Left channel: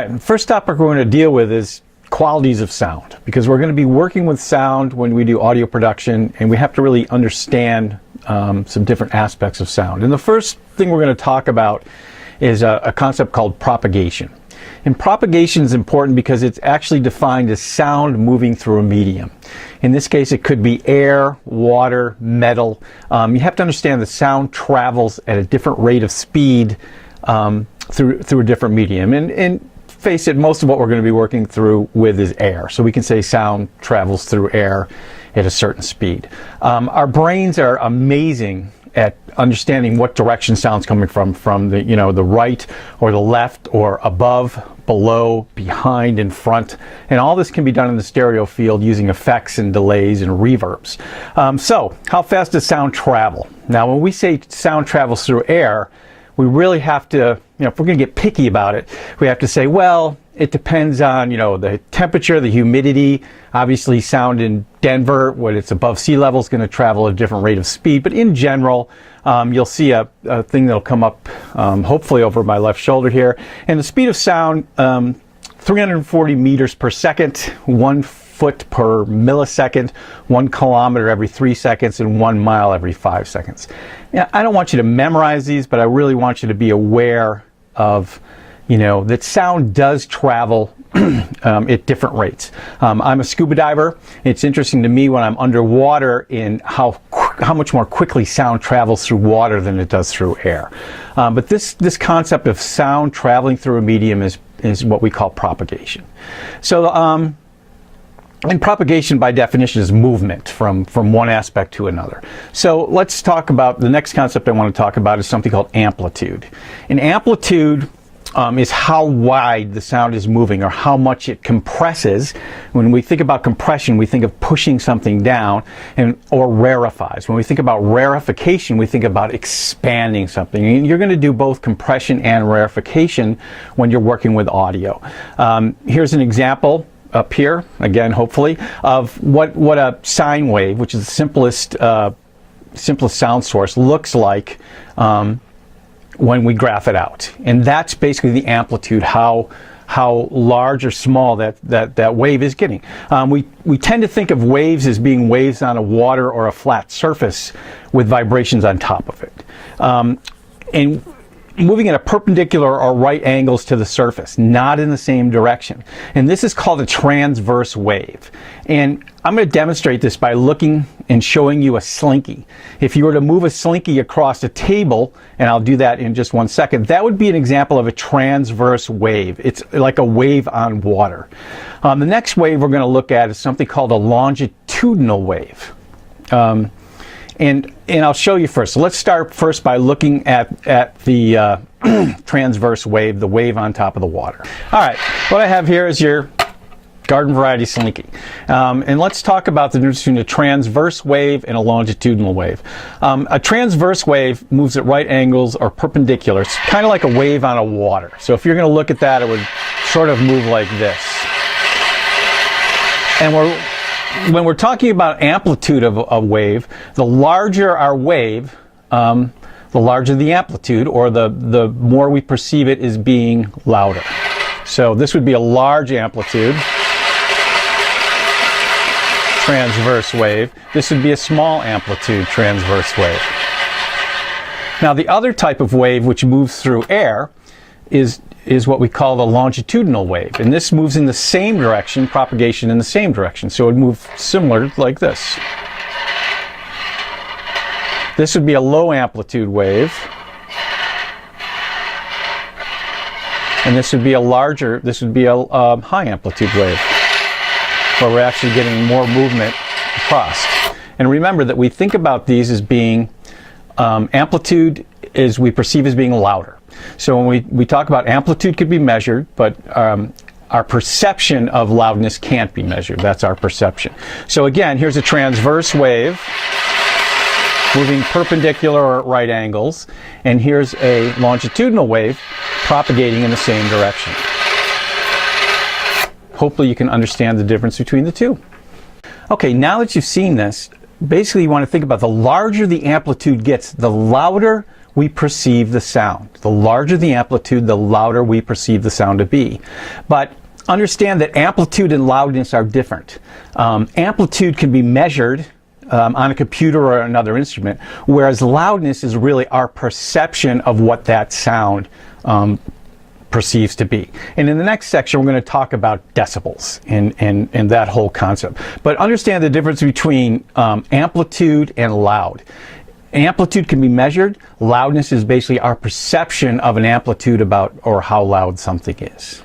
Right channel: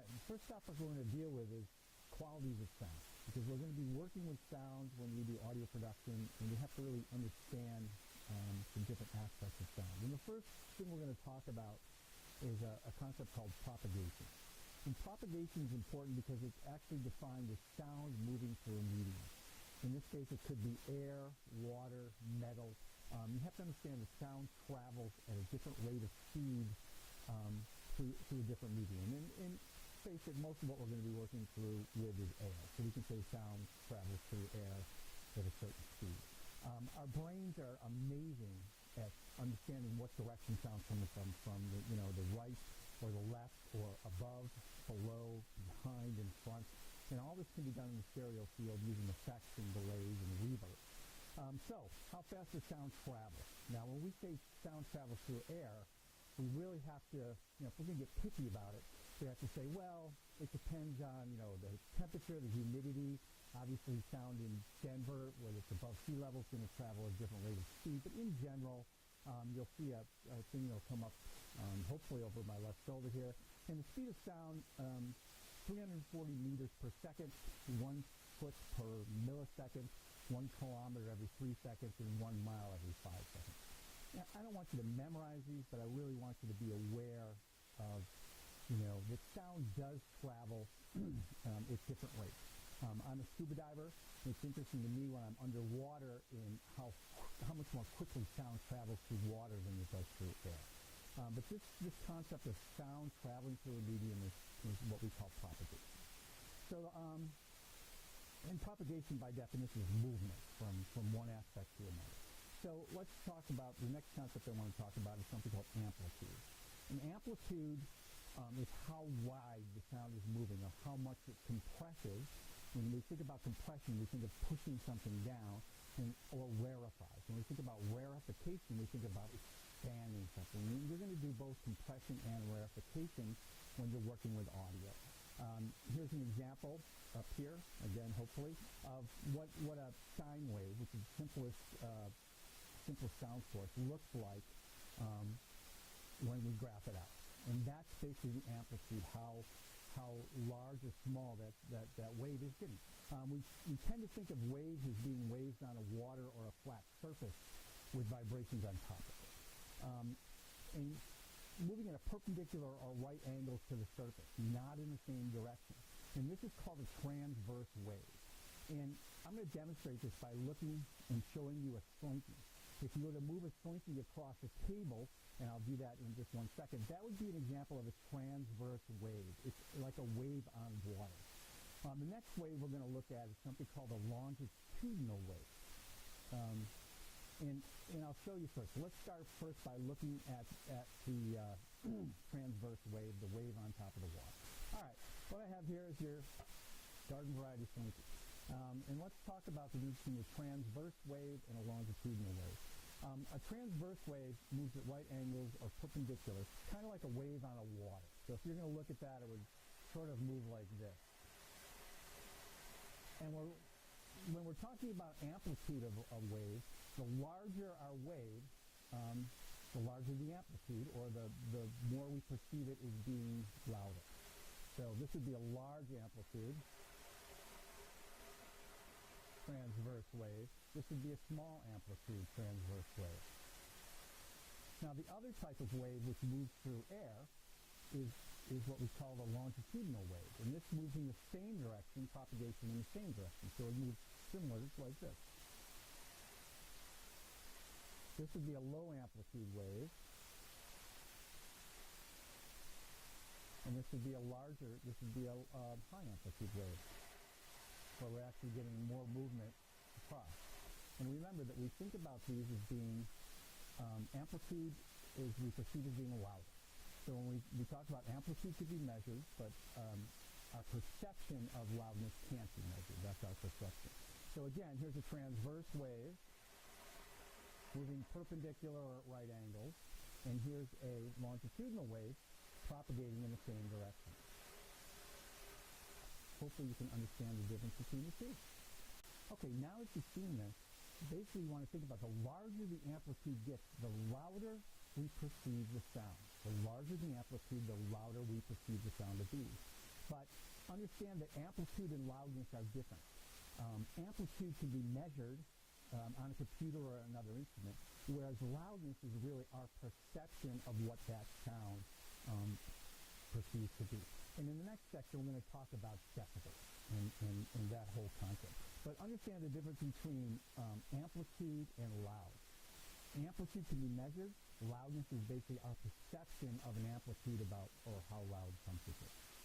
right, first topic we're going to deal with is qualities of sound, because we're going to be working with sound when we do audio production, and we have to really understand some different aspects of sound. And the first thing we're going to talk about is a concept called propagation. And propagation is important because it's actually defined as sound moving through a medium. In this case, it could be air, water, metal. You have to understand that sound travels at a different rate of speed through a different medium. And face it, most of what we're going to be working with is air. So we can say sound travels through air at a certain speed. Our brains are amazing at understanding what direction sound's coming from the, the right or the left or above, below, behind, in front. And all this can be done in the stereo field using effects and delays and reverbs. So how fast does sound travel? Now, when we say sound travels through air, we really have to, if we're going to get picky about it, we have to say, well, it depends on, the temperature, the humidity. Obviously, sound in Denver, when it's above sea level, is going to travel at a different rate of speed. But in general, you'll see a thing that'll come up, hopefully over my left shoulder here. And the speed of sound, 340 meters per second, 1 foot per millisecond, 1 kilometer every 3 seconds, and 1 mile every 5 seconds. Now, I don't want you to memorize these, but I really want you to be aware of, that sound does travel at different rates. I'm a scuba diver. It's interesting to me when I'm underwater in how much more quickly sound travels through water than it does through air. But this concept of sound traveling through a medium is what we call propagation. So, and propagation by definition is movement from one aspect to another. So let's talk about the next concept I want to talk about is something called amplitude. And amplitude is how wide the sound is moving or how much it compresses. When we think about compression, we think of pushing something down or rarefies. When we think about rarefication, we think about expanding something. And you're going to do both compression and rarefication when you're working with audio. Here's an example up here, again, hopefully, of what a sine wave, which is the simplest sound source, looks like when we graph it out. And that's basically the amplitude, how large or small that wave is getting. We tend to think of waves as being waves on a water or a flat surface with vibrations on top of it. And moving at a perpendicular or right angles to the surface, not in the same direction. And this is called a transverse wave. And I'm going to demonstrate this by looking and showing you a slinky. If you were to move a slinky across a table, and I'll do that in just 1 second, that would be an example of a transverse wave. It's like a wave on water. The next wave we're going to look at is something called a longitudinal wave. And I'll show you first. So let's start first by looking at the transverse wave, the wave on top of the water. All right, what I have here is your garden variety slinky. And let's talk about the difference between a transverse wave and a longitudinal wave. A transverse wave moves at right angles or perpendicular. It's kind of like a wave on a water. So if you're going to look at that, it would sort of move like this. And when we're talking about amplitude of a wave, the larger our wave, the larger the amplitude, or the more we perceive it as being louder. So this would be a large amplitude, transverse wave. This would be a small amplitude, transverse wave. Now the other type of wave which moves through air is what we call the longitudinal wave. And this moves in the same direction, propagation in the same direction. So it would move similar like this. This would be a low amplitude wave. And this would be a high amplitude wave, where we're actually getting more movement across. And remember that we think about these as being, amplitude is we perceive as being louder. So when we talk about amplitude could be measured, but our perception of loudness can't be measured. That's our perception. So again, here's a transverse wave moving perpendicular or at right angles, and here's a longitudinal wave propagating in the same direction. Hopefully you can understand the difference between the two. Okay, now that you've seen this, basically you want to think about the larger the amplitude gets, the louder we perceive the sound. The larger the amplitude, the louder we perceive the sound to be. But understand that amplitude and loudness are different. Amplitude can be measured on a computer or another instrument, whereas loudness is really our perception of what that sound perceives to be. And in the next section, we're going to talk about decibels and that whole concept. But understand the difference between amplitude and loud. Amplitude can be measured. Loudness is basically our perception of an amplitude about or how loud something is.